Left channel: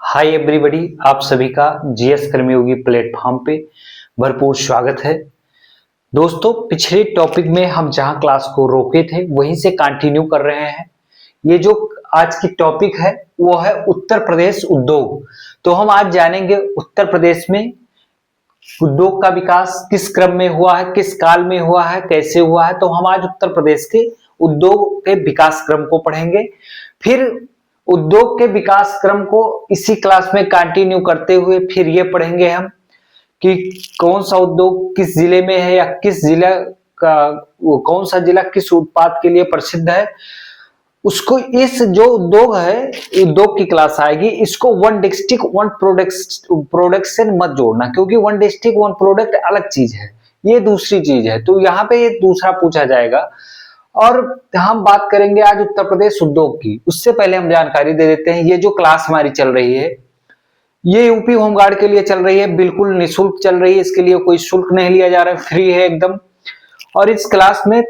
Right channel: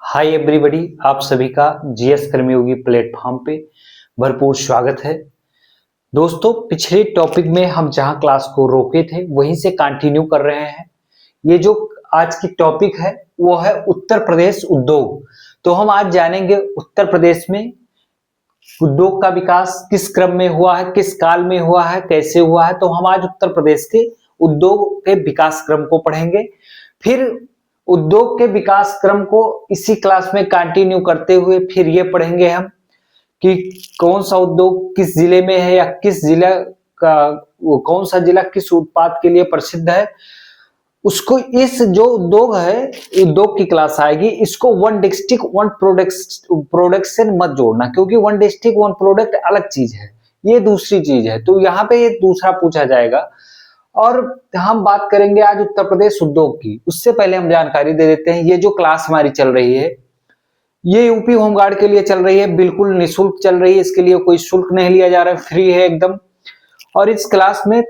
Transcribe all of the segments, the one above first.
Hi everybody, आप सभी का जीएस कर्मयोगी प्लेटफॉर्म पे भरपूर स्वागत है। दोस्तों, पिछले टॉपिक में हम जहां क्लास को रोके थे वहीं से कंटिन्यू कर रहे हैं। ये जो आज की टॉपिक है वो है उत्तर प्रदेश उद्योग। तो हम आज जानेंगे उत्तर प्रदेश में उद्योग का विकास किस क्रम में हुआ है, किस काल में हुआ है, कैसे हुआ है। तो हम आज उत्तर प्रदेश के उद्योग के विकास क्रम को पढ़ेंगे। फिर उद्योग के विकास क्रम को इसी क्लास में कंटिन्यू करते हुए फिर ये पढ़ेंगे हम कि कौन सा उद्योग किस जिले में है या किस जिला का कौन सा जिला किस उत्पाद के लिए प्रसिद्ध है। उसको इस जो उद्योग है, उद्योग की क्लास आएगी, इसको वन डिस्ट्रिक्ट वन प्रोडक्शन मत जोड़ना, क्योंकि वन डिस्ट्रिक्ट वन प्रोडक्ट अलग चीज है, ये दूसरी चीज है। तो यहाँ पे ये दूसरा पूछा जाएगा। और हम बात करेंगे आज उत्तर प्रदेश उद्योग की। उससे पहले हम जानकारी दे देते हैं, ये जो क्लास हमारी चल रही है ये यूपी होमगार्ड के लिए चल रही है, बिल्कुल निःशुल्क चल रही है। इसके लिए कोई शुल्क नहीं लिया जा रहा है, फ्री है एकदम। और इस क्लास में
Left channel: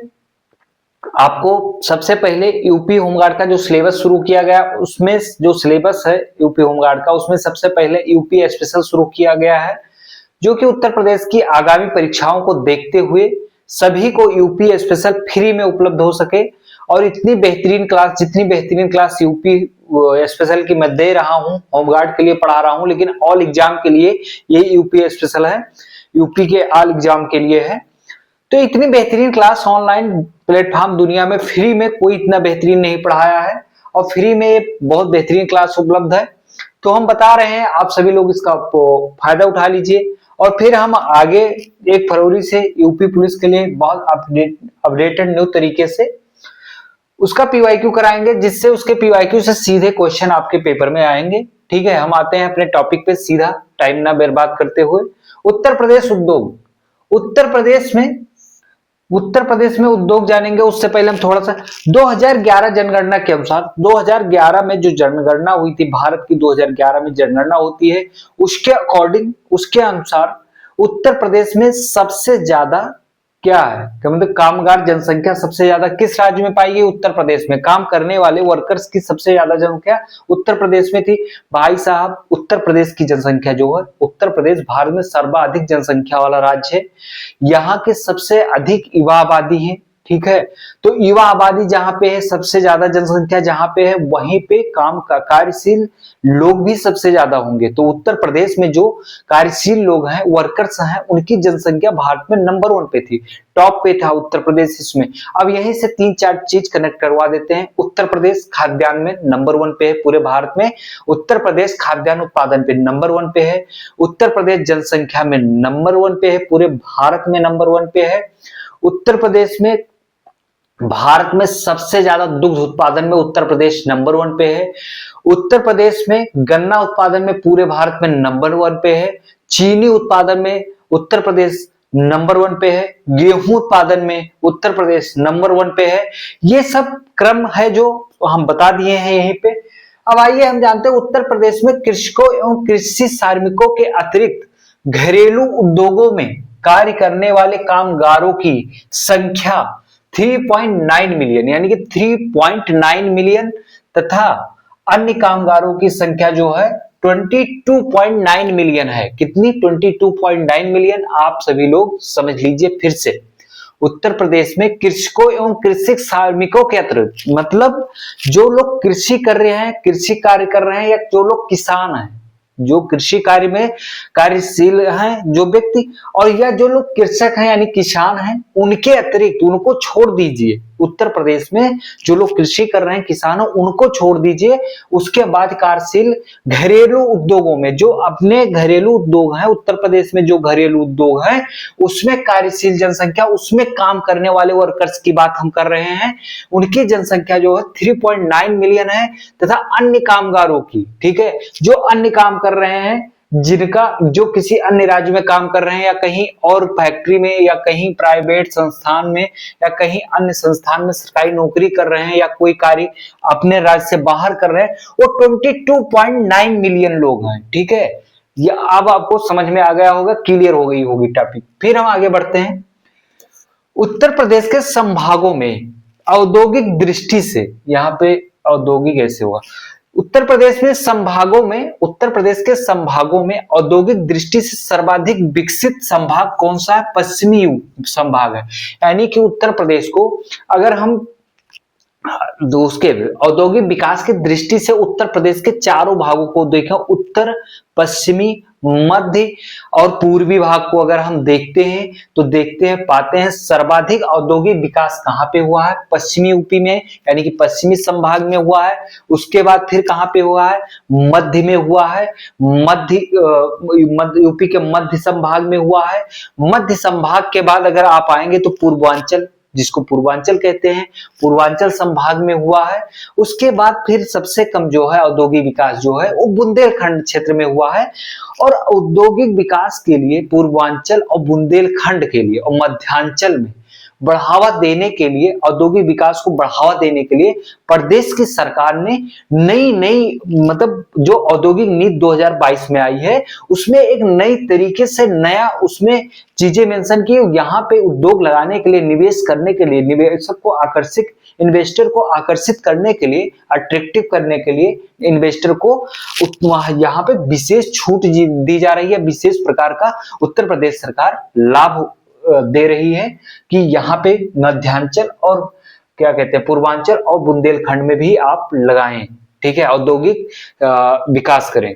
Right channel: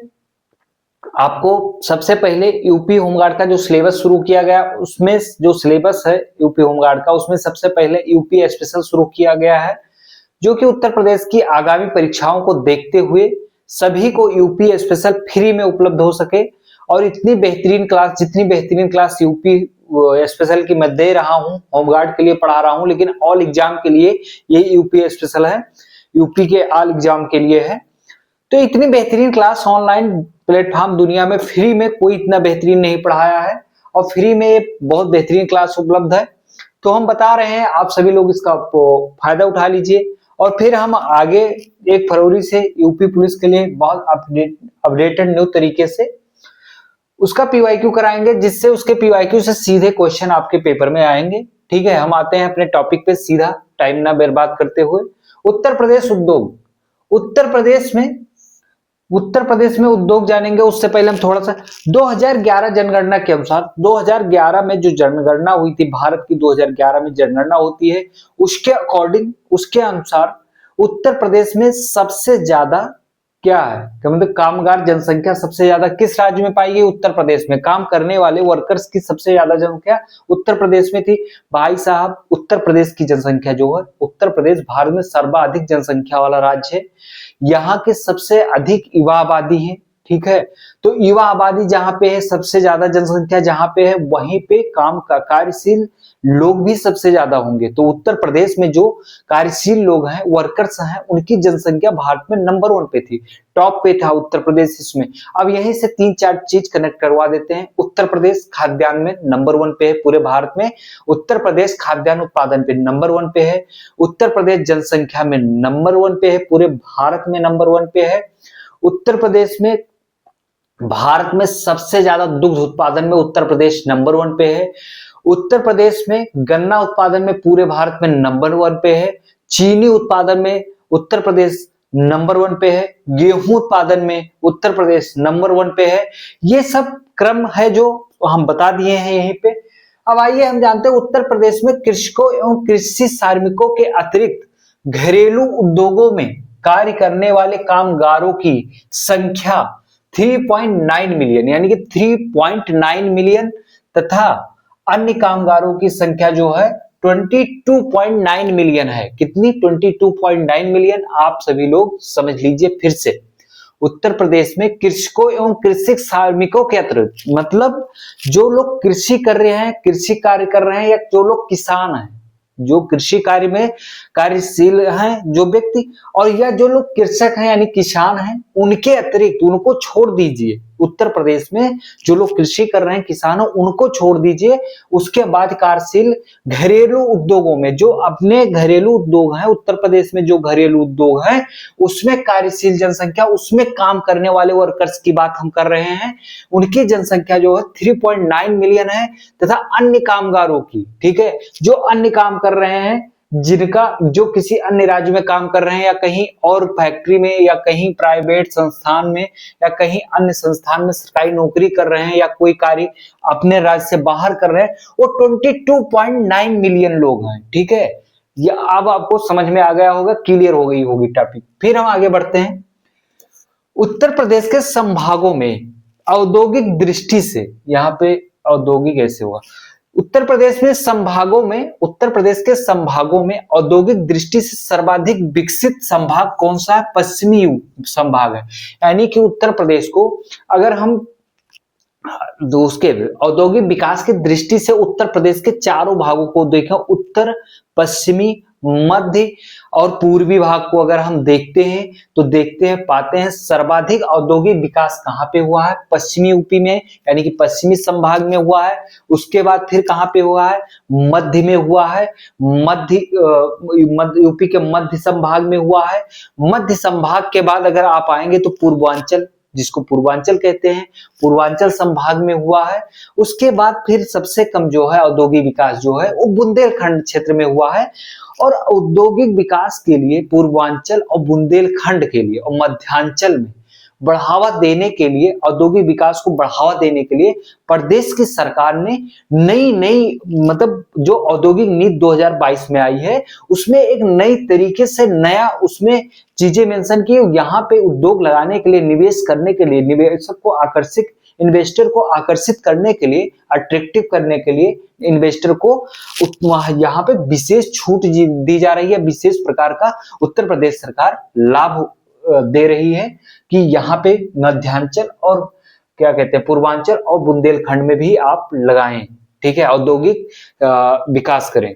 आपको सबसे पहले यूपी होमगार्ड का जो सिलेबस शुरू किया गया, उसमें जो सिलेबस है यूपी होमगार्ड का, उसमें सबसे पहले यूपी स्पेशल शुरू किया गया है, जो कि उत्तर प्रदेश की आगामी परीक्षाओं को देखते हुए सभी को यूपी स्पेशल फ्री में उपलब्ध हो सके। और इतनी बेहतरीन क्लास, जितनी बेहतरीन क्लास यूपी स्पेशल की मैं दे रहा हूँ, होमगार्ड के लिए पढ़ा रहा हूँ, लेकिन ऑल एग्जाम के लिए ये यूपी स्पेशल है, यूपी के ऑल एग्जाम के लिए है। तो इतनी बेहतरीन क्लास ऑनलाइन प्लेटफॉर्म दुनिया में फ्री में कोई इतना बेहतरीन नहीं पढ़ाया है, और फ्री में ये बहुत बेहतरीन क्लास उपलब्ध है। तो हम बता रहे हैं, आप सभी लोग इसका फायदा उठा लीजिए। और फिर हम आगे 1 फरवरी से यूपी पुलिस के लिए बहुत अपडेटेड न्यू तरीके से उसका पीवाईक्यू कराएंगे, जिससे उसके पीवाईक्यू से सीधे क्वेश्चन आपके पेपर में आएंगे। ठीक है, हम आते हैं अपने टॉपिक पे सीधा, टाइम ना बर्बाद करते हुए। उत्तर प्रदेश उद्योग। उत्तर प्रदेश में उद्योग जानेंगे, उससे पहले हम थोड़ा सा 2011 जनगणना के अनुसार, 2011 में जो जनगणना हुई थी, भारत की 2011 में जनगणना होती है, उसके अकॉर्डिंग, उसके अनुसार उत्तर प्रदेश में सबसे ज्यादा क्या है, मतलब कामगार जनसंख्या सबसे ज्यादा किस राज्य में पाई गई? उत्तर प्रदेश में। काम करने वाले वर्कर्स की सबसे ज्यादा जनसंख्या उत्तर प्रदेश में थी। भाई साहब, उत्तर प्रदेश की जनसंख्या जो है, उत्तर प्रदेश भारत में सर्वाधिक जनसंख्या वाला राज्य है। यहाँ की सबसे अधिक युवा आबादी है। ठीक है, तो युवा आबादी जहां पे है, सबसे ज्यादा जनसंख्या जहां पे है, वहीं पे काम का कार्यशील लोग भी सबसे ज्यादा होंगे। तो उत्तर प्रदेश में जो कार्यशील लोग हैं, वर्कर्स हैं, उनकी जनसंख्या भारत में नंबर 1 पे थी, टॉप पे था उत्तर प्रदेश इसमें। अब यहीं से 3-4 चीज कनेक्ट करवा देते हैं। उत्तर प्रदेश खाद्यान्न में नंबर 1 पे है पूरे भारत में। उत्तर प्रदेश खाद्यान्न उत्पादन पे नंबर 1 पे है। उत्तर प्रदेश जनसंख्या में नंबर 1 पे है, पूरे भारत में नंबर 1 पे है। उत्तर प्रदेश में, भारत में सबसे ज्यादा दुग्ध उत्पादन में उत्तर प्रदेश नंबर 1 पे है। उत्तर प्रदेश में गन्ना उत्पादन में पूरे भारत में नंबर 1 पे है। चीनी उत्पादन में उत्तर प्रदेश नंबर 1 पे है। गेहूं उत्पादन में उत्तर प्रदेश नंबर 1 पे है। ये सब क्रम है जो हम बता दिए हैं यहीं पे। अब आइए हम जानते हैं, उत्तर प्रदेश में कृषकों एवं कृषि श्रमिकों के अतिरिक्त घरेलू उद्योगों में कार्य करने वाले कामगारों की संख्या 3.9 मिलियन, यानी कि 3.9 मिलियन, तथा अन्य कामगारों की संख्या जो है 22.9 मिलियन है। कितनी? 22.9 मिलियन। आप सभी लोग समझ लीजिए फिर से, उत्तर प्रदेश में कृषकों एवं कृषि श्रमिकों के अतिरिक्त, मतलब जो लोग कृषि कर रहे हैं, कृषि कार्य कर रहे हैं, या जो लोग किसान हैं, जो कृषि कार्य में कार्यशील हैं जो व्यक्ति, और या जो लोग कृषक हैं यानी किसान हैं, उनके अतिरिक्त, उनको छोड़ दीजिए। उत्तर प्रदेश में जो लोग कृषि कर रहे हैं, किसान, उनको छोड़ दीजिए। उसके बाद कार्यशील घरेलू उद्योगों में, जो अपने घरेलू उद्योग हैं, उत्तर प्रदेश में जो घरेलू उद्योग हैं, उसमें कार्यशील जनसंख्या, उसमें काम करने वाले वर्कर्स की बात हम कर रहे हैं, उनकी जनसंख्या जो है 3.9 मिलियन है। तथा अन्य कामगारों की, ठीक है, जो अन्य काम कर रहे हैं, जिनका, जो किसी अन्य राज्य में काम कर रहे हैं, या कहीं और फैक्ट्री में, या कहीं प्राइवेट संस्थान में, या कहीं अन्य संस्थान में सरकारी नौकरी कर रहे हैं, या कोई कार्य अपने राज्य से बाहर कर रहे हैं, वो 22.9 मिलियन लोग हैं। ठीक है, ये अब आपको समझ में आ गया होगा, क्लियर हो गई होगी टॉपिक। फिर हम आगे बढ़ते हैं। उत्तर प्रदेश के संभागों में औद्योगिक दृष्टि से, यहाँ पे औद्योगिक ऐसे हुआ, उत्तर प्रदेश में संभागों में उत्तर प्रदेश के संभागों में औद्योगिक दृष्टि से सर्वाधिक विकसित संभाग कौन सा है? पश्चिमी संभाग है। यानी कि उत्तर प्रदेश को अगर हम उसके औद्योगिक विकास की दृष्टि से उत्तर प्रदेश के चारों भागों को देखें, उत्तर, पश्चिमी, मध्य और पूर्वी भाग को अगर हम देखते हैं तो देखते हैं पाते हैं सर्वाधिक औद्योगिक विकास कहां पे हुआ है? पश्चिमी यूपी में, यानी कि पश्चिमी संभाग में हुआ है। उसके बाद फिर कहां पे हुआ है? मध्य में हुआ है। मध्य यूपी के मध्य संभाग में हुआ है। मध्य संभाग के बाद अगर आप आएंगे तो पूर्वांचल, जिसको पूर्वांचल कहते हैं, पूर्वांचल संभाग में हुआ है। उसके बाद फिर सबसे कम जो है औद्योगिक विकास जो है वो बुंदेलखंड क्षेत्र में हुआ है। और औद्योगिक विकास के लिए पूर्वांचल और बुंदेलखंड के लिए और मध्यांचल में बढ़ावा देने के लिए, औद्योगिक विकास को बढ़ावा देने के लिए प्रदेश की सरकार ने नई नई मतलब जो औद्योगिक नीति 2022 में आई है उसमें एक नई तरीके से नया उसमें चीजें मेंशन की। यहाँ पे उद्योग लगाने के लिए, निवेश करने के लिए, निवेशक को आकर्षित, इन्वेस्टर को आकर्षित करने के लिए, अट्रैक्टिव करने के लिए इन्वेस्टर को यहाँ पे विशेष छूट दी जा रही है। विशेष प्रकार का उत्तर प्रदेश सरकार लाभ दे रही है कि यहाँ पे मध्यांचल और क्या कहते हैं पूर्वांचल और बुंदेलखंड में भी आप लगाएं, ठीक है, औद्योगिक विकास करें।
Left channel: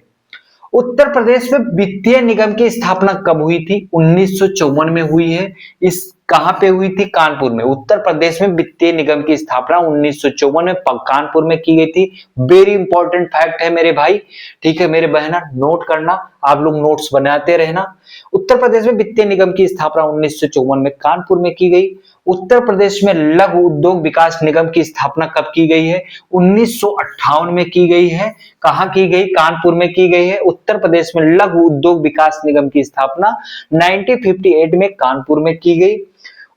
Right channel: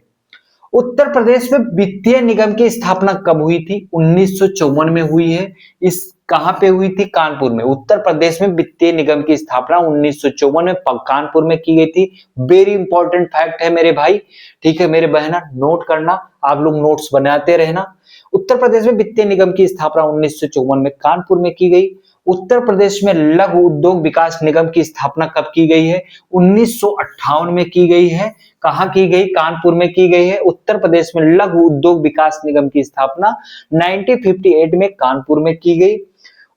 उत्तर प्रदेश में वित्तीय निगम की स्थापना कब हुई थी? 1954 में हुई है। इस कहां पे हुई थी? कानपुर में। उत्तर प्रदेश में वित्तीय निगम की स्थापना 1954 में कानपुर में की गई थी। वेरी इंपॉर्टेंट फैक्ट है मेरे भाई, ठीक है मेरे बहना, नोट करना, आप लोग नोट्स बनाते रहना। उत्तर प्रदेश में वित्तीय निगम की स्थापना 1954 में कानपुर में की गई। उत्तर प्रदेश में लघु उद्योग विकास निगम की स्थापना कब की गई है? 1958 में की गई है। कहां की गई? कानपुर में की गई है। उत्तर प्रदेश में लघु उद्योग विकास निगम की स्थापना 1958 में कानपुर में की गई।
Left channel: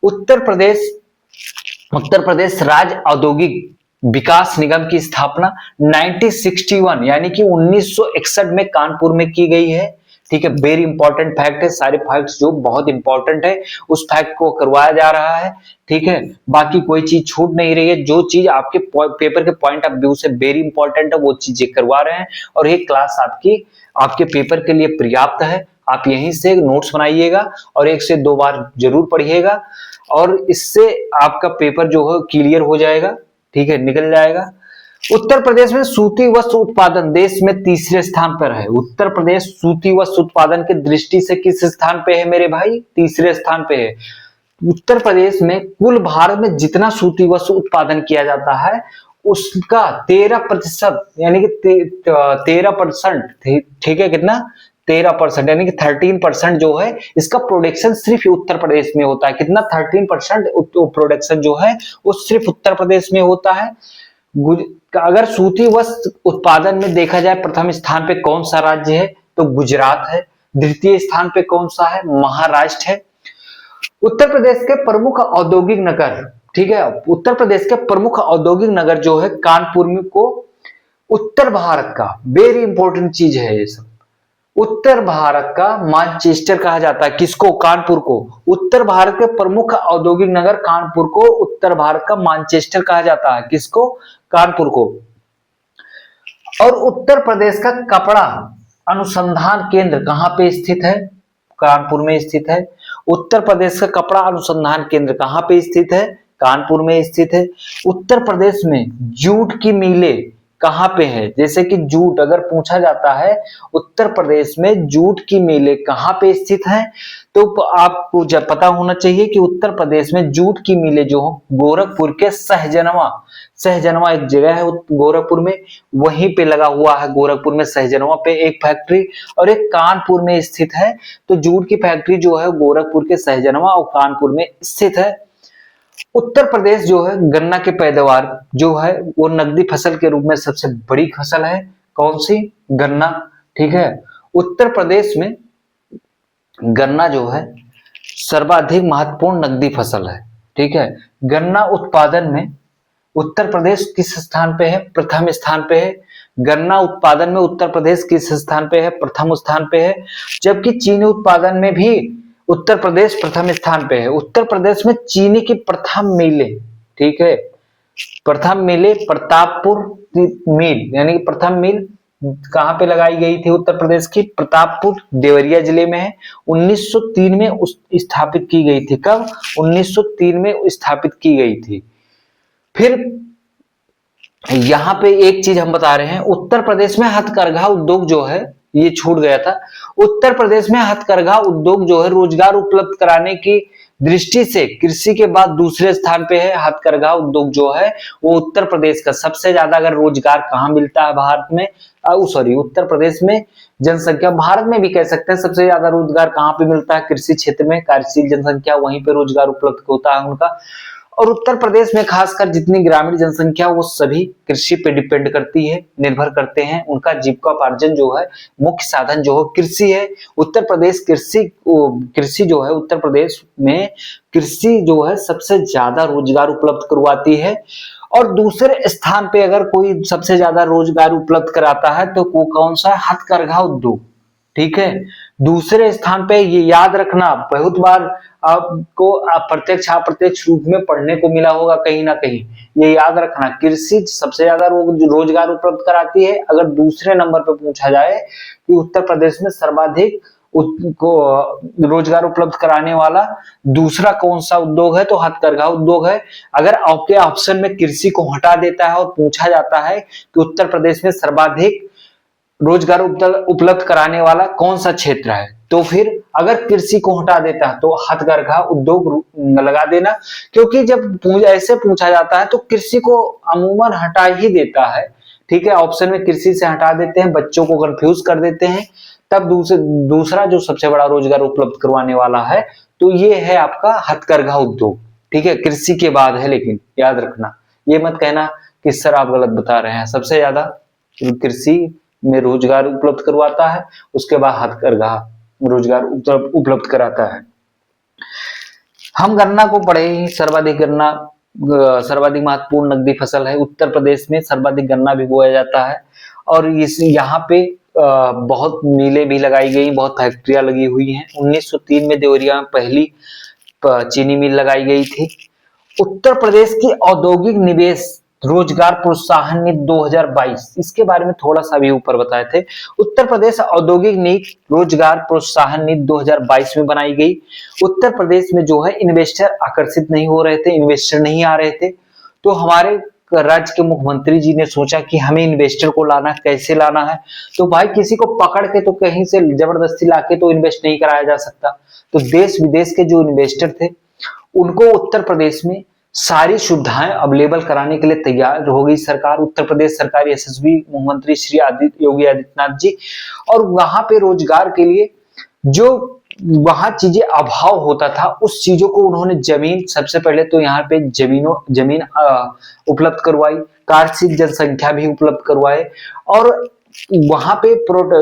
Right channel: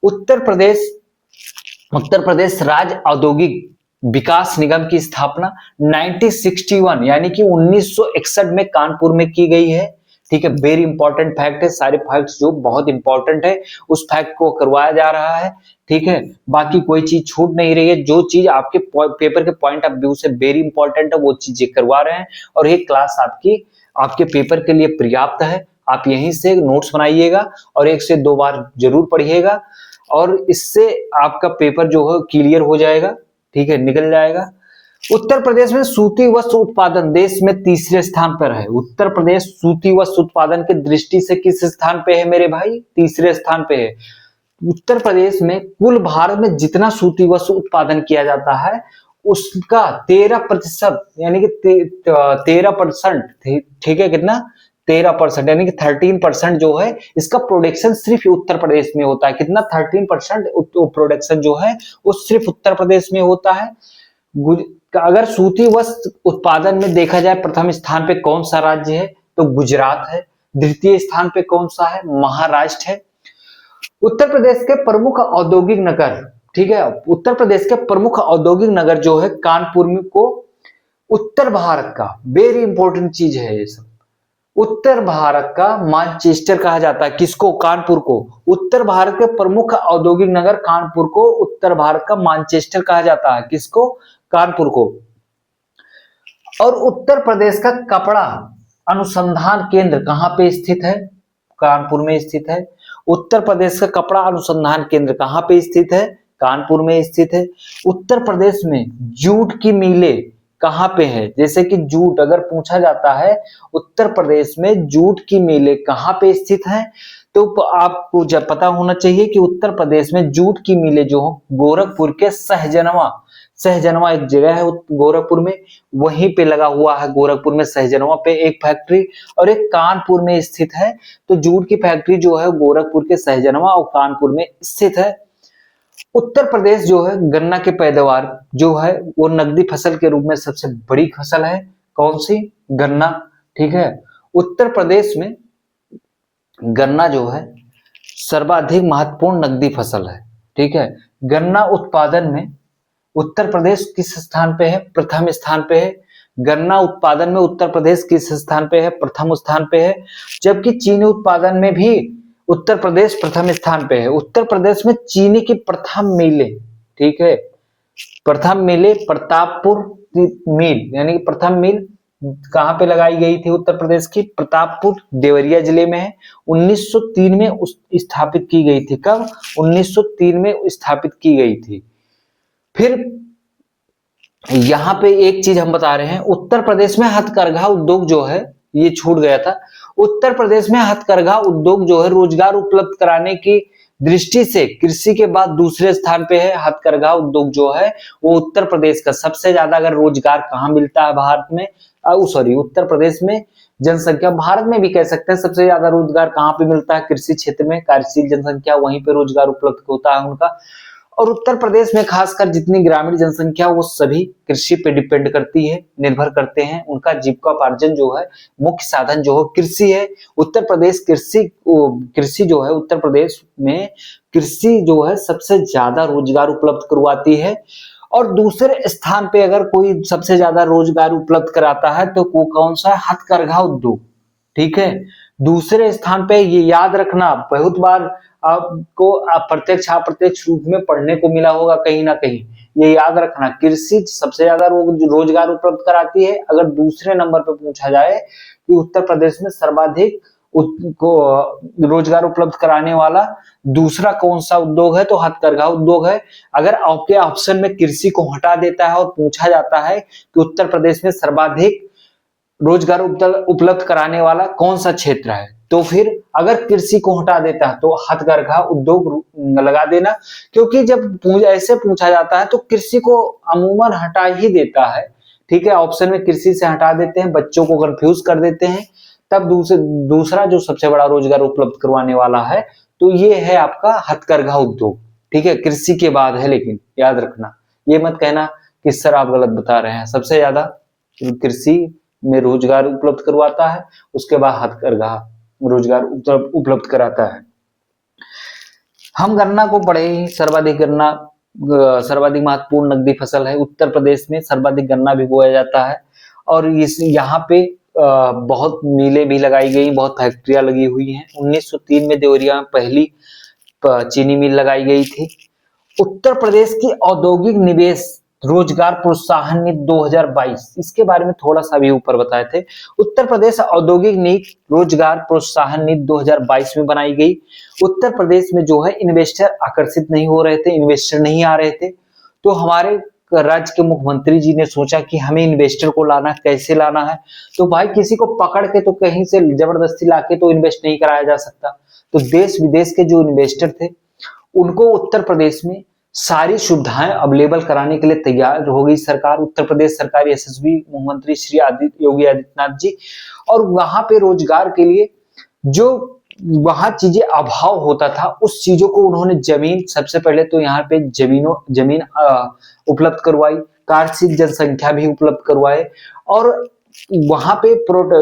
उत्तर प्रदेश राज्य औद्योगिक विकास निगम की स्थापना 1961 यानी कि 1961 में कानपुर में की गई है, ठीक है। वेरी इंपॉर्टेंट फैक्ट है, सारे फैक्ट्स जो बहुत इंपॉर्टेंट है उस फैक्ट को करवाया जा रहा है, ठीक है। बाकी कोई चीज छूट नहीं रही है, जो चीज आपके पेपर के पॉइंट ऑफ व्यू से वेरी इंपॉर्टेंट है वो चीजें करवा रहे हैं। और ये क्लास आपके पेपर के लिए पर्याप्त है। आप यहीं से नोट्स बनाइएगा और 1 से 2 बार जरूर पढ़िएगा और इससे आपका पेपर जो है क्लियर हो जाएगा, ठीक है, निकल जाएगा। उत्तर प्रदेश में सूती वस्त्र उत्पादन देश में तीसरे स्थान पर है। उत्तर प्रदेश सूती वस्त्र उत्पादन की दृष्टि से किस स्थान पे है मेरे भाई? तीसरे स्थान पे है। उत्तर प्रदेश में कुल भारत में जितना सूती वस्त्र उत्पादन किया जाता है उसका 13% यानी कि 13%, ठीक है, कितना? 13% यानी कि 13% जो है इसका प्रोडक्शन सिर्फ उत्तर प्रदेश में होता है। कितना? 13% प्रोडक्शन जो है वो सिर्फ उत्तर प्रदेश में होता है। अगर सूती वस्त्र उत्पादन में देखा जाए प्रथम स्थान पे कौन सा राज्य है तो गुजरात है। द्वितीय स्थान पे कौन सा है? महाराष्ट्र है। उत्तर प्रदेश के प्रमुख औद्योगिक नगर, ठीक है, उत्तर प्रदेश के प्रमुख औद्योगिक नगर जो है कानपुर में को उत्तर भारत का वेरी इंपॉर्टेंट चीज है ये सब। उत्तर भारत का मैनचेस्टर कहा जाता है किसको? कानपुर को। उत्तर भारत के प्रमुख औद्योगिक नगर कानपुर को उत्तर भारत का मैनचेस्टर कहा जाता है। किसको? कानपुर को। और उत्तर प्रदेश का कपड़ा अनुसंधान केंद्र कहां पे स्थित है? कानपुर में स्थित है। उत्तर प्रदेश का कपड़ा अनुसंधान केंद्र कहां पे स्थित है? कानपुर में स्थित है। उत्तर प्रदेश में जूट की मिलें कहां पे है? जैसे कि जूट अगर पूछा जाता है उत्तर प्रदेश में जूट की मिलें कहां पे स्थित है तो आपको जब पता होना चाहिए कि उत्तर प्रदेश में जूट की मिलें जो गोरखपुर के सहजनवा एक जगह है गोरखपुर में, वहीं पे लगा हुआ है। गोरखपुर में सहजनवा पे एक फैक्ट्री और एक कानपुर में स्थित है। तो जूट की फैक्ट्री जो है गोरखपुर के सहजनवा और कानपुर में स्थित है। उत्तर प्रदेश जो है गन्ना की पैदावार जो है वो नकदी फसल के रूप में सबसे बड़ी फसल है। कौन सी? गन्ना, ठीक है। उत्तर प्रदेश में गन्ना जो है सर्वाधिक महत्वपूर्ण नकदी फसल है, ठीक है। गन्ना उत्पादन में उत्तर प्रदेश किस स्थान पे है? प्रथम स्थान पे है। गन्ना उत्पादन में उत्तर प्रदेश किस स्थान पे है? प्रथम स्थान पे है। जबकि चीनी उत्पादन में भी उत्तर प्रदेश प्रथम स्थान पे है। उत्तर प्रदेश में चीनी की प्रथम मिलें, ठीक है, प्रथम मिले प्रतापपुर मिल, यानी कि प्रथम मिल कहाँ पे लगाई गई थी? उत्तर प्रदेश की प्रतापपुर देवरिया जिले में है। 1903 में स्थापित की गई थी। कब? 1903 में स्थापित की गई थी। फिर यहाँ पे एक चीज हम बता रहे हैं, उत्तर प्रदेश में हथकरघा उद्योग जो है, ये छूट गया था। उत्तर प्रदेश में हथकरघा उद्योग जो है रोजगार उपलब्ध कराने की दृष्टि से कृषि के बाद दूसरे स्थान पे है। हथकरघा उद्योग जो है वो उत्तर प्रदेश का सबसे ज्यादा, अगर रोजगार कहाँ मिलता है भारत में, सॉरी उत्तर प्रदेश में जनसंख्या, भारत में भी कह सकते हैं सबसे ज्यादा रोजगार कहाँ पे मिलता है? कृषि क्षेत्र में। कार्यशील जनसंख्या, वहीं पे रोजगार उपलब्ध होता है उनका। और उत्तर प्रदेश में खासकर जितनी ग्रामीण जनसंख्या, वो सभी कृषि पे डिपेंड करती है, निर्भर करते हैं। उनका जीविकोपार्जन जो है, मुख्य साधन जो है कृषि है। उत्तर प्रदेश कृषि जो है, उत्तर प्रदेश में कृषि जो है सबसे ज्यादा रोजगार उपलब्ध करवाती है। और दूसरे स्थान पे अगर कोई सबसे ज्यादा रोजगार उपलब्ध कराता है तो वो कौन सा? हथकरघा उद्योग। ठीक है, दूसरे स्थान पे ये याद रखना, बहुत बार आपको प्रत्यक्ष अप्रत्यक्ष रूप में पढ़ने को मिला होगा कहीं ना कहीं। ये याद रखना, कृषि सबसे ज्यादा रोजगार उपलब्ध कराती है। अगर दूसरे नंबर पे पूछा जाए कि उत्तर प्रदेश में सर्वाधिक को रोजगार उपलब्ध कराने वाला दूसरा कौन सा उद्योग है, तो हथकरघा उद्योग है। अगर आपके ऑप्शन में कृषि को हटा देता है और पूछा जाता है कि उत्तर प्रदेश में सर्वाधिक रोजगार उपलब्ध कराने वाला कौन सा क्षेत्र है, तो फिर अगर कृषि को हटा देता है तो हथकरघा उद्योग लगा देना। क्योंकि जब ऐसे पूछा जाता है तो कृषि को अमूमन हटा ही देता है। ठीक है, ऑप्शन में कृषि से हटा देते हैं, बच्चों को कंफ्यूज कर देते हैं। तब दूसरा जो सबसे बड़ा रोजगार उपलब्ध करवाने वाला है तो ये है आपका हथकरघा उद्योग। ठीक है, कृषि के बाद है, लेकिन याद रखना, ये मत कहना कि सर आप गलत बता रहे हैं। सबसे ज्यादा कृषि में रोजगार उपलब्ध करवाता है, उसके बाद हथकरघा रोजगार उपलब्ध कराता है। हम गन्ना को पढ़े ही, सर्वाधिक गन्ना सर्वाधिक महत्वपूर्ण नकदी फसल है। उत्तर प्रदेश में सर्वाधिक गन्ना भी बोया जाता है। और इस यहाँ पे बहुत मिलें भी लगाई गई, बहुत फैक्ट्रियां लगी हुई हैं। 1903 में देवरिया में पहली चीनी मिल लगाई गई थी। उत्तर प्रदेश की औद्योगिक निवेश रोजगार प्रोत्साहन नीति 2022, इसके बारे में थोड़ा सा भी ऊपर बताए थे। उत्तर प्रदेश औद्योगिक नीति रोजगार प्रोत्साहन नीति 2022 में बनाई गई। उत्तर प्रदेश में जो है इन्वेस्टर आकर्षित नहीं हो रहे थे, इन्वेस्टर नहीं आ रहे थे, तो हमारे राज्य के मुख्यमंत्री जी ने सोचा कि हमें इन्वेस्टर को लाना, कैसे लाना है? तो भाई किसी को पकड़ के तो कहीं से जबरदस्ती लाके तो इन्वेस्ट नहीं कराया जा सकता। तो देश विदेश के जो इन्वेस्टर थे उनको उत्तर प्रदेश में सारी सुविधाएं अवेलेबल कराने के लिए तैयार हो गई सरकार, उत्तर प्रदेश सरकार, यशस्वी मुख्यमंत्री श्री योगी आदित्यनाथ जी। और वहां पे रोजगार के लिए जो वहां चीजें अभाव होता था, उस चीजों को उन्होंने जमीन, सबसे पहले तो यहाँ पे जमीन उपलब्ध करवाई, कार्यशील जनसंख्या भी उपलब्ध करवाए। और वहां पे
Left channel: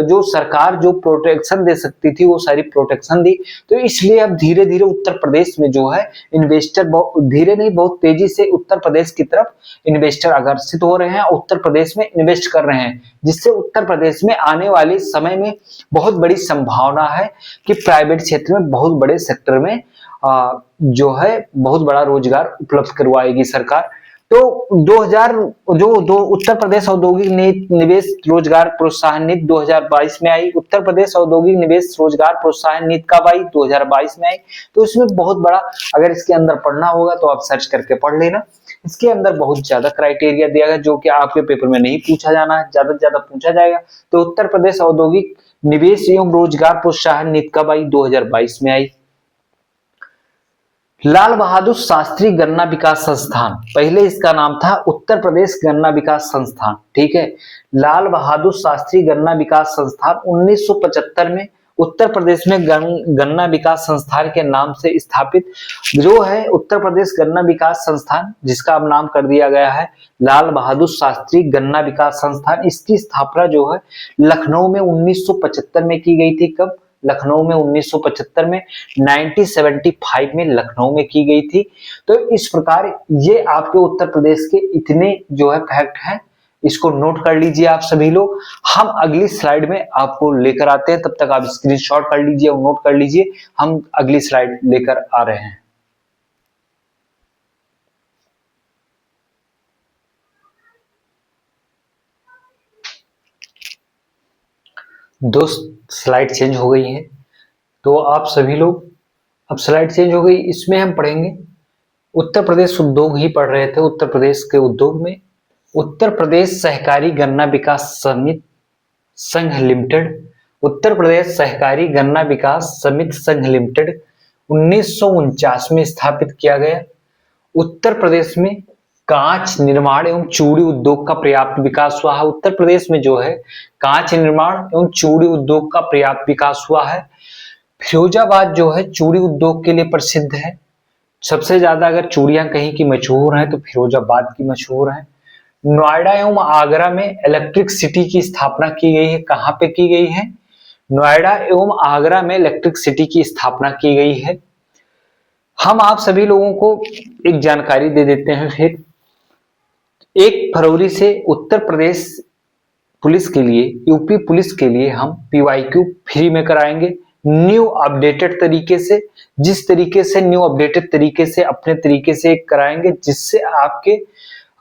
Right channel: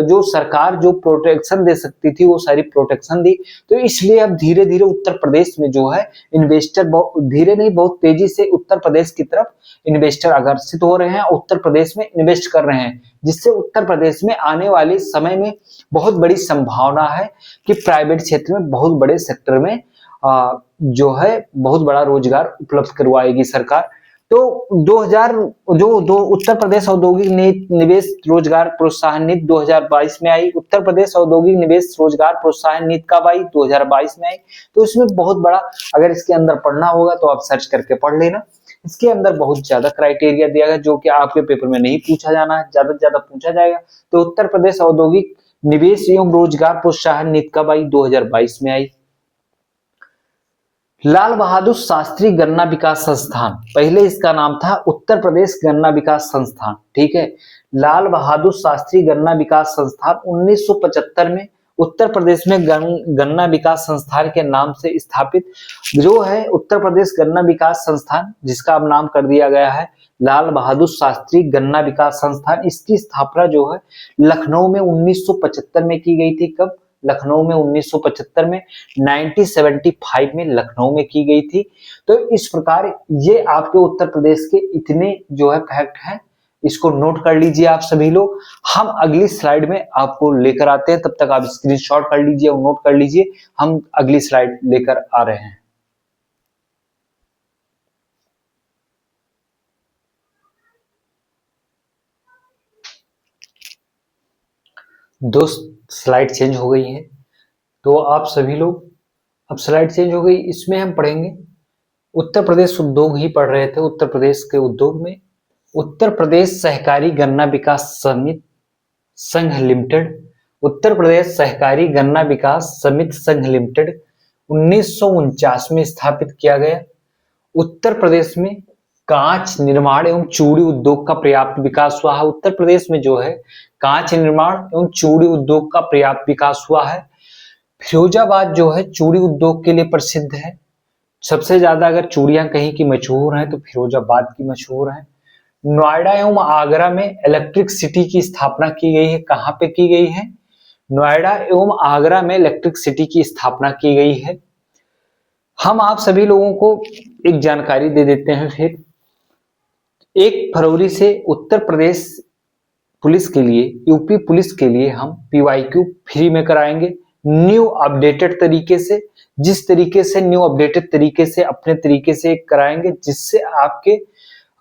जो सरकार जो प्रोटेक्शन दे सकती थी वो सारी प्रोटेक्शन दी। तो इसलिए अब धीरे धीरे उत्तर प्रदेश में जो है इन्वेस्टर धीरे नहीं, बहुत तेजी से उत्तर प्रदेश की तरफ इन्वेस्टर आकर्षित हो रहे हैं, उत्तर प्रदेश में इन्वेस्ट कर रहे हैं, जिससे उत्तर प्रदेश में आने वाले समय में बहुत बड़ी संभावना है कि प्राइवेट क्षेत्र में बहुत बड़े सेक्टर में जो है बहुत बड़ा रोजगार उपलब्ध करवाएगी सरकार। तो 2000 जो उत्तर प्रदेश औद्योगिक निवेश रोजगार प्रोत्साहन नीति 2022 में आई। उत्तर प्रदेश औद्योगिक निवेश रोजगार प्रोत्साहन नीति कब आई? 2022 में आई। तो इसमें बहुत बड़ा, अगर इसके अंदर पढ़ना होगा तो आप सर्च करके पढ़ लेना। इसके अंदर बहुत ज्यादा क्राइटेरिया दिया गया जो कि आपके पेपर में नहीं पूछा जाना है, ज्यादा से ज्यादा पूछा जाएगा। तो उत्तर प्रदेश औद्योगिक निवेश एवं रोजगार प्रोत्साहन नीति कब आई? 2022 में आई। लाल बहादुर शास्त्री गन्ना विकास संस्थान, पहले इसका नाम था उत्तर प्रदेश गन्ना विकास संस्थान। ठीक है, लाल बहादुर शास्त्री गन्ना विकास संस्थान 1975 में उत्तर प्रदेश में गन्ना विकास संस्थान के नाम से स्थापित जो है उत्तर प्रदेश गन्ना विकास संस्थान, जिसका अब नाम कर दिया गया है लाल बहादुर शास्त्री गन्ना विकास संस्थान। इसकी स्थापना जो है लखनऊ में 1975 में की गई थी। कब? लखनऊ में 1975 में, 1975 में लखनऊ में की गई थी। तो इस प्रकार ये आपके उत्तर प्रदेश के इतने जो है फैक्ट हैं, इसको नोट कर लीजिए आप सभी लोग। हम अगली स्लाइड में आपको लेकर आते हैं, तब तक आप स्क्रीनशॉट कर लीजिए और नोट कर लीजिए। हम अगली स्लाइड लेकर आ रहे हैं। दोस्त स्लाइड चेंज हो गई है, तो आप सभी लोग, अब स्लाइड चेंज हो गई, इसमें हम पढ़ेंगे उत्तर प्रदेश उद्योग ही पढ़ रहे थे। उत्तर प्रदेश के उद्योग में उत्तर प्रदेश सहकारी गन्ना विकास समिति संघ लिमिटेड, उत्तर प्रदेश सहकारी गन्ना विकास समिति संघ लिमिटेड 1949 में स्थापित किया गया। उत्तर प्रदेश में कांच निर्माण एवं चूड़ी उद्योग का पर्याप्त विकास हुआ है। उत्तर प्रदेश में जो है कांच निर्माण एवं चूड़ी उद्योग का पर्याप्त विकास हुआ है। फिरोजाबाद जो है चूड़ी उद्योग के लिए प्रसिद्ध है। सबसे ज्यादा अगर चूड़ियां कहीं की मशहूर है तो फिरोजाबाद की मशहूर है। नोएडा एवं आगरा में इलेक्ट्रिक सिटी की स्थापना की गई है। कहाँ पे की गई है? नोएडा एवं आगरा में इलेक्ट्रिक सिटी की स्थापना की गई है। हम आप सभी लोगों को एक जानकारी दे देते हैं फिर। 1 फरवरी से उत्तर प्रदेश पुलिस के लिए, यूपी पुलिस के लिए हम पीवाईक्यू फ्री में कराएंगे, न्यू अपडेटेड तरीके से। जिस तरीके से न्यू अपडेटेड तरीके से अपने तरीके से कराएंगे, जिससे आपके,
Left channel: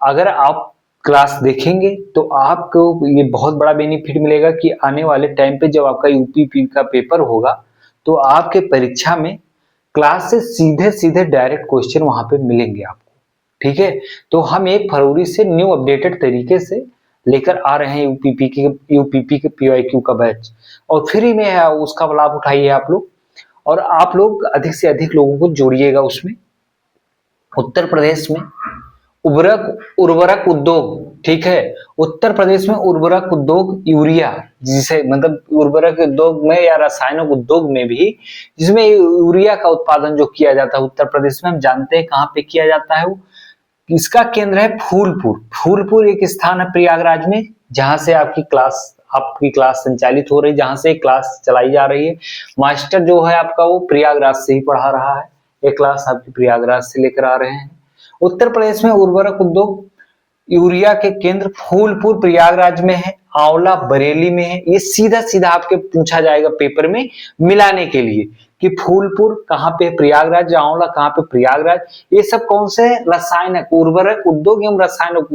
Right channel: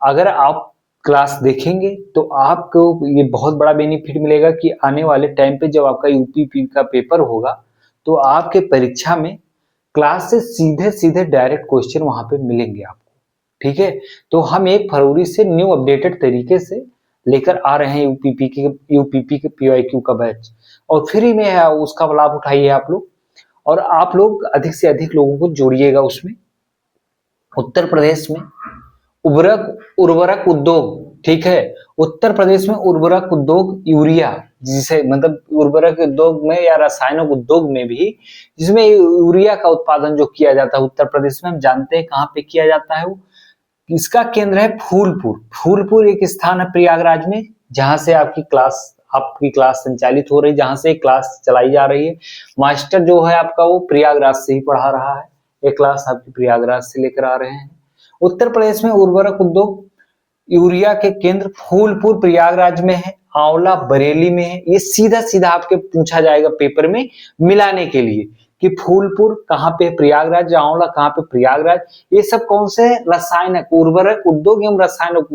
अगर आप क्लास देखेंगे तो आपको ये बहुत बड़ा बेनिफिट मिलेगा कि आने वाले टाइम पे जब आपका यूपीपी का पेपर होगा तो आपके परीक्षा में क्लास से सीधे सीधे डायरेक्ट क्वेश्चन वहां पे मिलेंगे आपको। ठीक है, तो हम 1 फरवरी से न्यू अपडेटेड तरीके से लेकर आ रहे हैं यूपीपी के पीवाईक्यू का बैच, और फ्री में है, उसका लाभ उठाइए आप लोग, और आप लोग अधिक से अधिक लोगों को जोड़िएगा उसमें। उत्तर प्रदेश में उर्वरक उद्योग, ठीक है, उत्तर प्रदेश में उर्वरक उद्योग यूरिया, जिसे मतलब उर्वरक उद्योग में या रासायनिक उद्योग में भी, जिसमें यूरिया का उत्पादन जो किया जाता है उत्तर प्रदेश में, हम जानते हैं कहाँ पे किया जाता है वो। इसका केंद्र है फूलपुर। फूलपुर एक स्थान है प्रयागराज में, जहां से आपकी क्लास संचालित हो रही, जहां से क्लास चलाई जा रही है। मास्टर जो है आपका वो प्रयागराज से ही पढ़ा रहा है, एक क्लास आपकी प्रयागराज से लेकर आ रहे हैं। उत्तर प्रदेश में उर्वरक उद्योग यूरिया के केंद्र फूलपुर प्रयागराज में है, आंवला बरेली में है। ये सीधा सीधा आपके पूछा जाएगा पेपर में मिलाने के लिए कि फूलपुर कहाँ पे, प्रयागराज, आंवला कहाँ पे, प्रयागराज। ये सब कौन से है? रासायनिक उर्वरक उद्योग एवं रासायनिक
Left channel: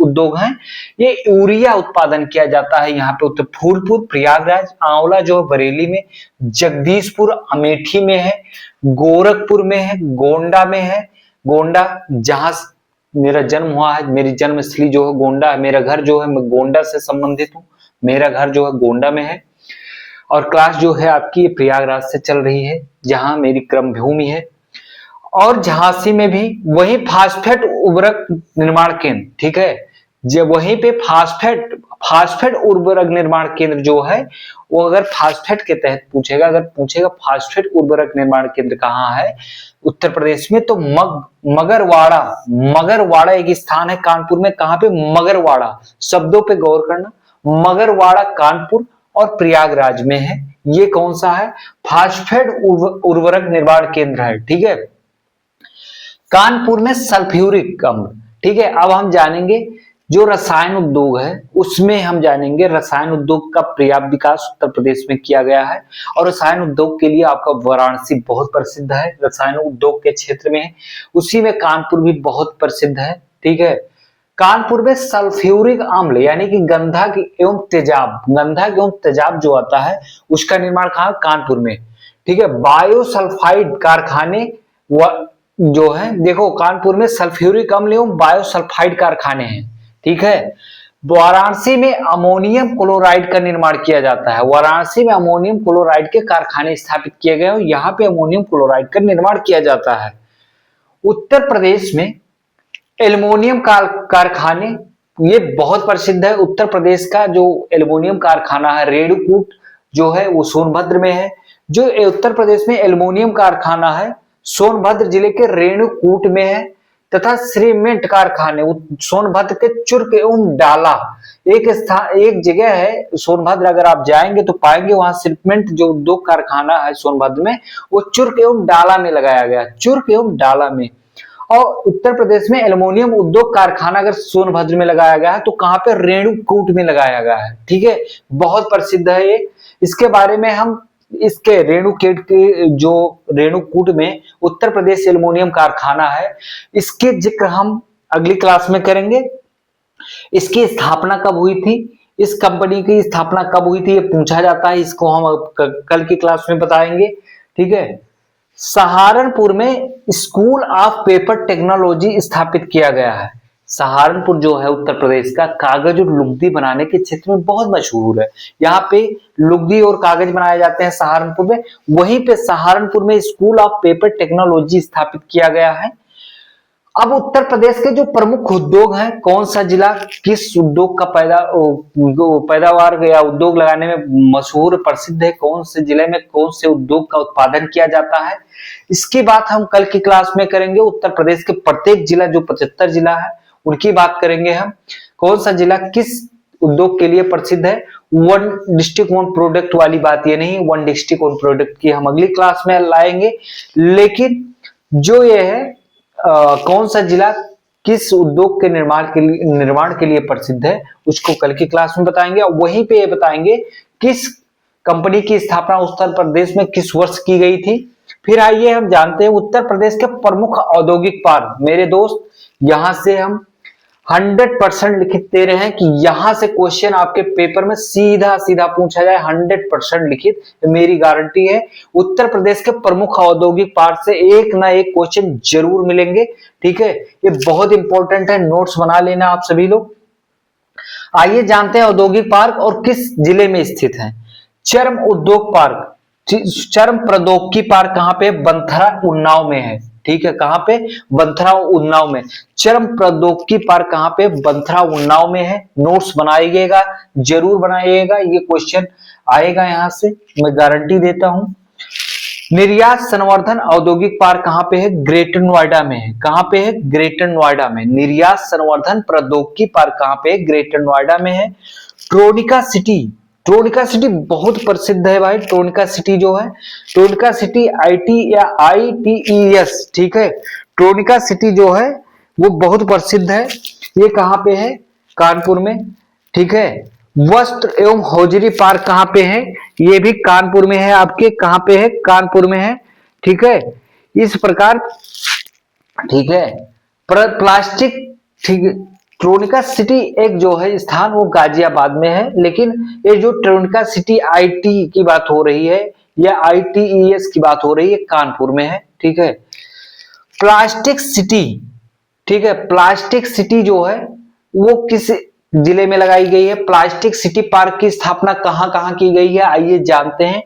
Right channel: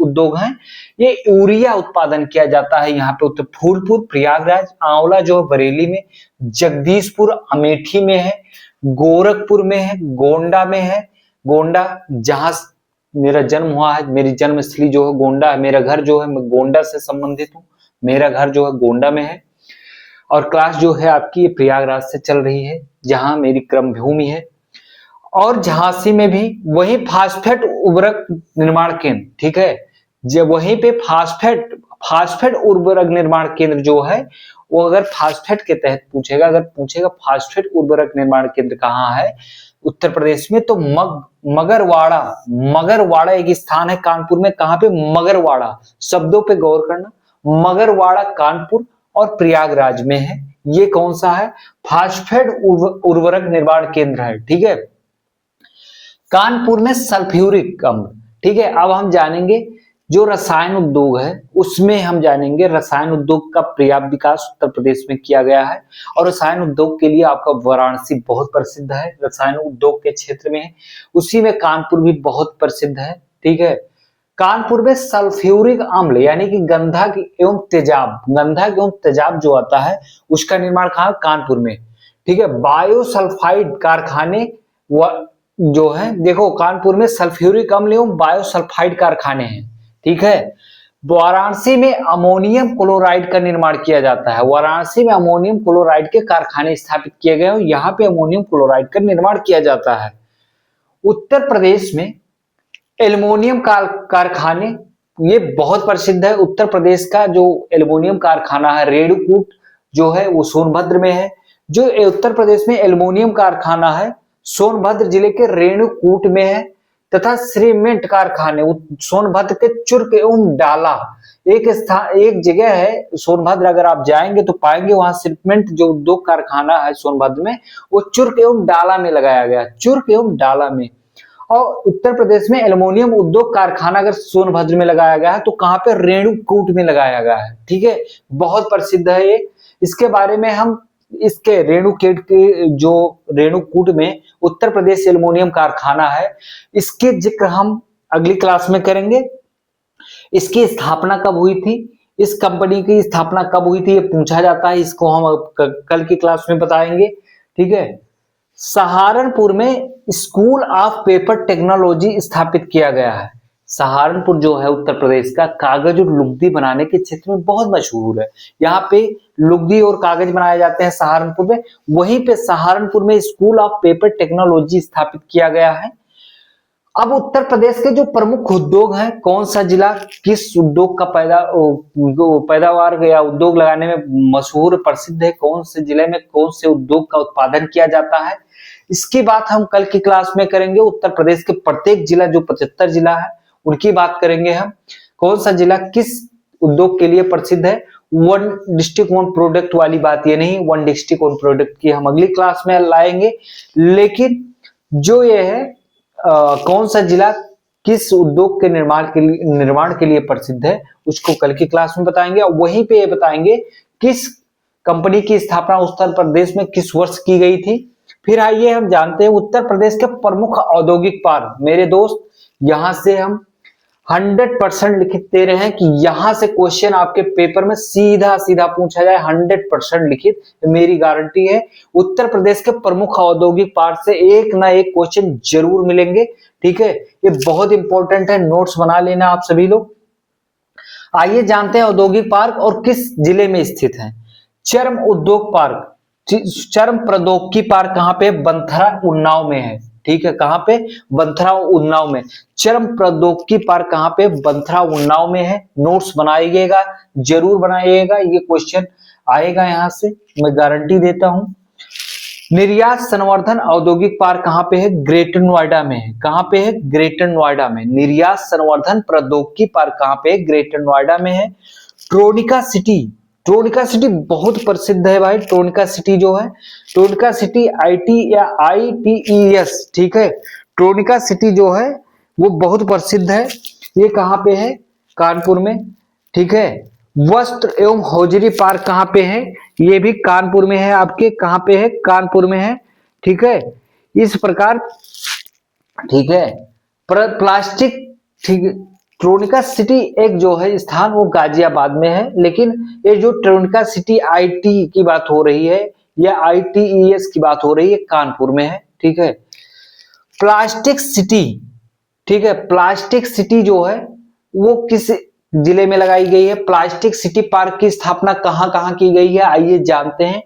उद्योग हैं। ये यूरिया उत्पादन किया जाता है यहाँ पे उत्तर फूलपुर, प्रयागराज, आंवला जो है बरेली में, जगदीशपुर अमेठी में है, गोरखपुर में है, गोंडा में है। गोंडा जहां मेरा जन्म हुआ है, मेरी जन्मस्थली जो है गोंडा है, मेरा घर जो है, मैं गोंडा से संबंधित हूँ, मेरा घर जो है गोंडा में है। और क्लास जो है आपकी प्रयागराज से चल रही है, जहां मेरी क्रम भूमि है। और झांसी में भी वही फास्फेट उर्वरक निर्माण केंद्र, ठीक है, जब वहीं पे फास्फेट उर्वरक निर्माण केंद्र जो है वो, अगर फास्फेट के तहत पूछेगा, अगर पूछेगा फास्फेट उर्वरक निर्माण केंद्र कहाँ है उत्तर प्रदेश में, तो मगरवाड़ा एक स्थान है कानपुर में। कहाँ पे? मगरवाड़ा, शब्दों पे गौर करना। मगरवाड़ा कानपुर और प्रयागराज में है। ये कौन सा है? फास्फेट उर्वरक निर्माण केंद्र है। ठीक है, कानपुर में सल्फ्यूरिक अम्ल। ठीक है, अब हम जानेंगे जो रसायन उद्योग है, उसमें हम जानेंगे रसायन उद्योग का पर्याप्त विकास उत्तर प्रदेश में किया गया है। और रसायन उद्योग के लिए आपका वाराणसी बहुत प्रसिद्ध है, रसायन उद्योग के क्षेत्र में है। उसी में कानपुर भी बहुत प्रसिद्ध है। ठीक है, कानपुर में सल्फ्यूरिक अम्ल यानी कि गंधक एवं तेजाब जो आता है उसका निर्माण कहाँ? कानपुर में। ठीक है, बायोसल्फाइड कारखाने जो है, देखो कानपुर में सल्फ्यूरिक अम्ल एवं बायोसल्फाइड कारखाने हैं। ठीक है, वाराणसी में अमोनियम क्लोराइड का निर्माण किया जाता है। वाराणसी में अमोनियम क्लोराइड के कारखाने स्थापित किए गए और यहाँ पे अमोनियम क्लोराइड का निर्माण किया जाता है। उत्तर प्रदेश में एल्युमिनियम कारखाने ये बहुत प्रसिद्ध है। उत्तर प्रदेश का जो एल्युमिनियम कारखाना है रेणुकूट जो है वो सोनभद्र में है। जो उत्तर प्रदेश में एल्युमिनियम कारखाना है सोनभद्र जिले के रेणुकूट में है। तथा सीमेंट कारखाने सोनभद्र के चुर्क एवं डाला, एक जगह है सोनभद्र, अगर आप जाएंगे तो पाएंगे वहां सीमेंट जो उद्योग कारखाना है सोनभद्र में, वो चुर्क एवं डाला में लगाया गया, चुर्क एवं डाला में। और उत्तर प्रदेश में एल्युमिनियम उद्योग कारखाना अगर सोनभद्र में लगाया गया है तो कहां पे? रेणुकूट में लगाया गया है। ठीक है, बहुत प्रसिद्ध है ये। इसके बारे में हम इसके रेणुकूट में उत्तर प्रदेश एल्युमिनियम कारखाना है, इसकी जिक्र हम अगली क्लास में करेंगे। इसकी स्थापना कब हुई थी? इस कंपनी की स्थापना कब हुई थी, ये पूछा जाता है, इसको हम कल की क्लास में बताएंगे। ठीक है। सहारनपुर में स्कूल ऑफ पेपर टेक्नोलॉजी स्थापित किया गया है। सहारनपुर जो है उत्तर प्रदेश का, कागज और लुगदी बनाने के क्षेत्र में बहुत मशहूर है। यहाँ पे लुगदी और कागज बनाए जाते हैं सहारनपुर में। वहीं पे सहारनपुर में स्कूल ऑफ पेपर टेक्नोलॉजी स्थापित किया गया है। अब उत्तर प्रदेश के जो प्रमुख उद्योग हैं, कौन सा जिला किस उद्योग का पैदावार या उद्योग लगाने में मशहूर प्रसिद्ध है, कौन से जिले में कौन से उद्योग का उत्पादन किया जाता है, इसकी बात हम कल की क्लास में करेंगे। उत्तर प्रदेश के प्रत्येक जिला, जो 75 जिला है, उनकी बात करेंगे हम। कौन सा जिला किस उद्योग के लिए प्रसिद्ध है। वन डिस्ट्रिक्ट वन प्रोडक्ट वाली बात ये नहीं, वन डिस्ट्रिक्ट वन प्रोडक्ट की हम अगली क्लास में लाएंगे। लेकिन जो ये है कौन सा जिला किस उद्योग के निर्माण के लिए प्रसिद्ध है, उसको कल की क्लास में बताएंगे। वहीं पे ये बताएंगे किस कंपनी की स्थापना उत्तर प्रदेश में किस वर्ष की गई थी। फिर आइए हम जानते हैं उत्तर प्रदेश के प्रमुख औद्योगिक पार्क। मेरे दोस्त, यहां से हम 100% लिखित दे रहे हैं कि यहां से क्वेश्चन आपके पेपर में सीधा सीधा पूछा जाए, 100% लिखित, मेरी गारंटी है। उत्तर प्रदेश के प्रमुख औद्योगिक पार्क से एक ना एक क्वेश्चन जरूर मिलेंगे। ठीक है, ये बहुत इंपॉर्टेंट है, नोट्स बना लेना आप सभी लोग। आइए जानते हैं औद्योगिक पार्क और किस जिले में स्थित है। चर्म उद्योग पार्क, चर्म प्रौद्योगिकी पार्क कहां पे? बंथरा उन्नाव में है। ठीक है, कहां पे? बंथरा उन्नाव में। चर्म प्रौद्योगिकी पार्क कहां पे? बंथरा उन्नाव में है। नोट्स बनाइएगा, जरूर बनाइएगा, ये क्वेश्चन आएगा यहां से, मैं गारंटी देता हूं। निर्यात संवर्धन औद्योगिक पार्क कहां पे है? ग्रेटर नोएडा में है। कहां पे है? ग्रेटर नोएडा में। निर्यात संवर्धन प्रौद्योगिकी पार्क कहां पे है? ग्रेटर नोएडा में है। ट्रोनिका सिटी, ट्रोनिका सिटी बहुत प्रसिद्ध है भाई। ट्रोनिका सिटी जो है, ट्रोनिका सिटी आईटी या ITES, ठीक है, ट्रोनिका सिटी जो है वो बहुत प्रसिद्ध है। ये कहां पे है? कानपुर में। ठीक है। वस्त्र एवं हौजरी पार्क कहां पे है? ये भी कानपुर में है। आपके कहां पे है? कानपुर में है। ठीक है, इस प्रकार, ठीक है, प्लास्टिक, ठीक है, ट्रोनिका सिटी एक जो है स्थान वो गाजियाबाद में है, लेकिन ये जो ट्रोनिका सिटी IT की बात हो रही है या ITES की बात हो रही है, कानपुर में है। ठीक है। प्लास्टिक सिटी, ठीक है, प्लास्टिक सिटी जो है वो किस जिले में लगाई गई है? प्लास्टिक सिटी पार्क की स्थापना कहां कहां की गई है, आइए जानते हैं।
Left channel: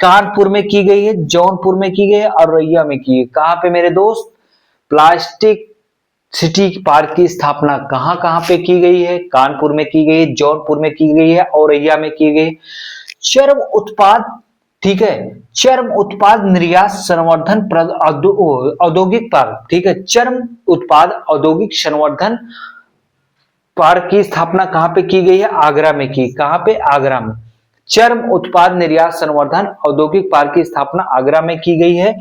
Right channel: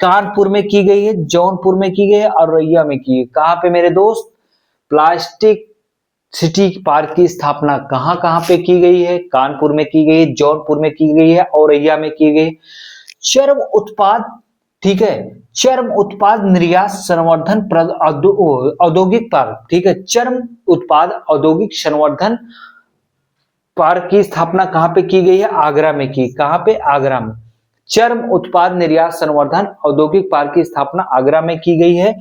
कानपुर में की गई है, जौनपुर में की गई है, औरैया में की है। कहां पे मेरे दोस्त? प्लास्टिक सिटी पार्क की स्थापना कहां कहां पे की गई है? कानपुर में की गई है, जौनपुर में की गई है, औरैया में की गई। चर्म उत्पाद, ठीक है, चर्म उत्पाद निर्यात संवर्धन औद्योगिक पार्क, ठीक है, चर्म उत्पाद औद्योगिक संवर्धन पार्क की स्थापना कहां पे की गई है? आगरा में की। कहां पे? आगरा में। चर्म उत्पाद निर्यात संवर्धन औद्योगिक पार्क की स्थापना आगरा में की गई है।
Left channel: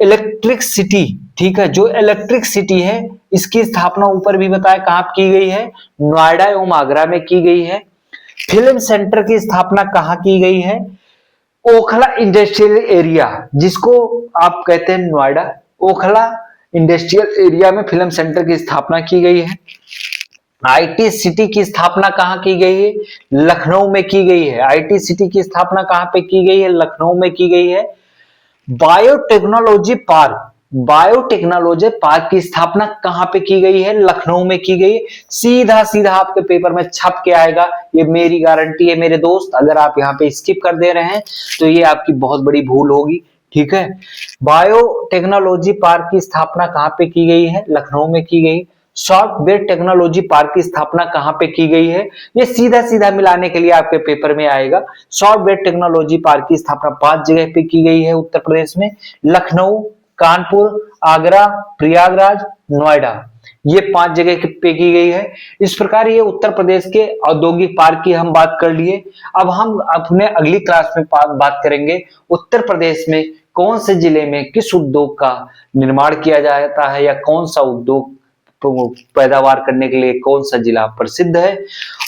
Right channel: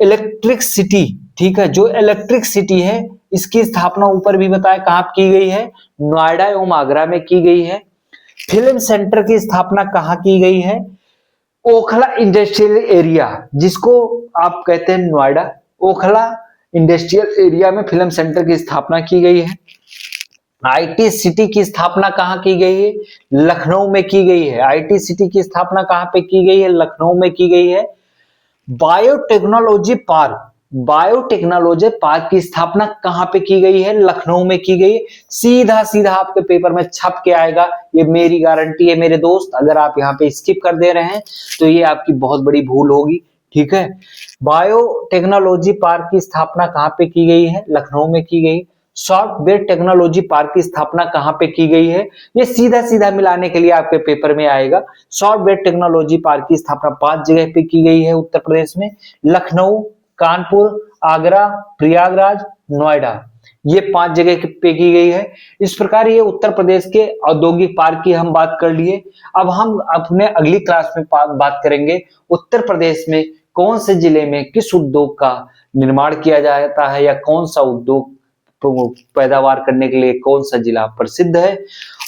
इलेक्ट्रिक सिटी, ठीक है, जो इलेक्ट्रिक सिटी है इसकी स्थापना ऊपर भी बताया कहां की गई है? नोएडा एवं आगरा में की गई है। फिल्म सेंटर की स्थापना कहां की गई है? ओखला इंडस्ट्रियल एरिया, जिसको आप कहते हैं नोएडा, ओखला इंडस्ट्रियल एरिया में फिल्म सेंटर की स्थापना की गई है। IT सिटी की स्थापना कहां की गई है? लखनऊ में की गई है। IT सिटी की स्थापना कहां पे की गई है? लखनऊ में की गई है। बायोटेक्नोलॉजी पार्क, बायोटेक्नोलॉजी पार्क की स्थापना कहां पे की गई है? लखनऊ में की गई। सीधा सीधा आपके पेपर में छप के आएगा, ये मेरी गारंटी है मेरे दोस्त। अगर आप यहाँ पे स्किप कर दे रहे हैं तो ये आपकी बहुत बड़ी भूल होगी। ठीक है, बायोटेक्नोलॉजी पार्क की स्थापना कहां पे की गई है? लखनऊ में की गई। सॉफ्टवेयर टेक्नोलॉजी पार्क की स्थापना कहां पे की गई है? ये सीधा सीधा मिलाने के लिए आपके पेपर में आएगा। सॉफ्टवेयर टेक्नोलॉजी पार्क की स्थापना 5 जगह पे की गई है उत्तर प्रदेश में, लखनऊ, कानपुर, आगरा, प्रयागराज, नोएडा, ये 5 जगह पे की गई है। इस प्रकार ये उत्तर प्रदेश के औद्योगिक पार्क की हम बात कर लिए। अब हम अपने अगली क्लास में बात करेंगे उत्तर प्रदेश में कौन से जिले में किस उद्योग का निर्माण किया जाता है या कौन सा उद्योग पैदावार करने के लिए कौन सा जिला प्रसिद्ध है।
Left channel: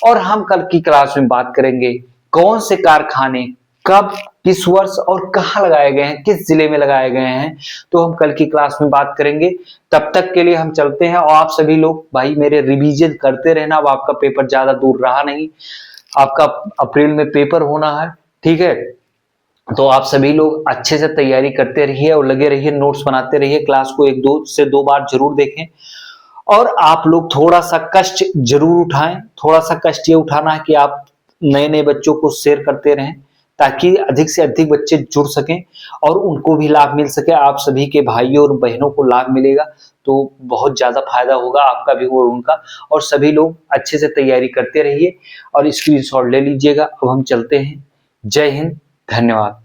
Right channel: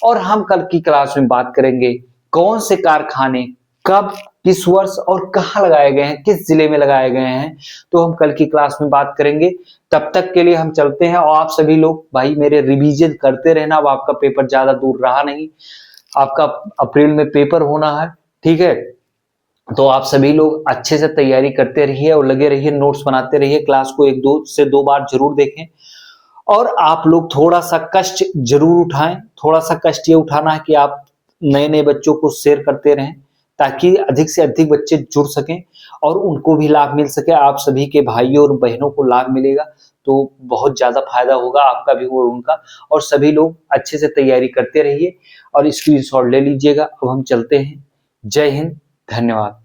और हम कल की क्लास में बात करेंगे कौन से कारखाने कब, किस वर्ष और कहां लगाए गए हैं, किस जिले में लगाए गए हैं, तो हम कल की क्लास में बात करेंगे। तब तक के लिए हम चलते हैं और आप सभी लोग भाई मेरे रिवीजन करते रहना। अब आपका पेपर ज्यादा दूर रहा नहीं, आपका अप्रैल में पेपर होना है, ठीक है। तो आप सभी लोग अच्छे से तैयारी करते रहिए और लगे रहिए, नोट्स बनाते रहिए, क्लास को 1 से 2 बार जरूर देखें। और आप लोग थोड़ा सा कष्ट जरूर उठाएं, थोड़ा सा कष्ट ये उठाना है कि आप नए नए बच्चों को शेयर करते रहें, ताकि अधिक से अधिक बच्चे जुड़ सकें और उनको भी लाभ मिल सके, आप सभी के भाइयों और बहनों को लाभ मिलेगा, तो बहुत ज्यादा फायदा होगा आपका भी और उनका। और सभी लोग अच्छे से तैयारी करते रहिए और स्क्रीनशॉट ले लीजिएगा। अब हम चलते हैं। जय हिंद, धन्यवाद।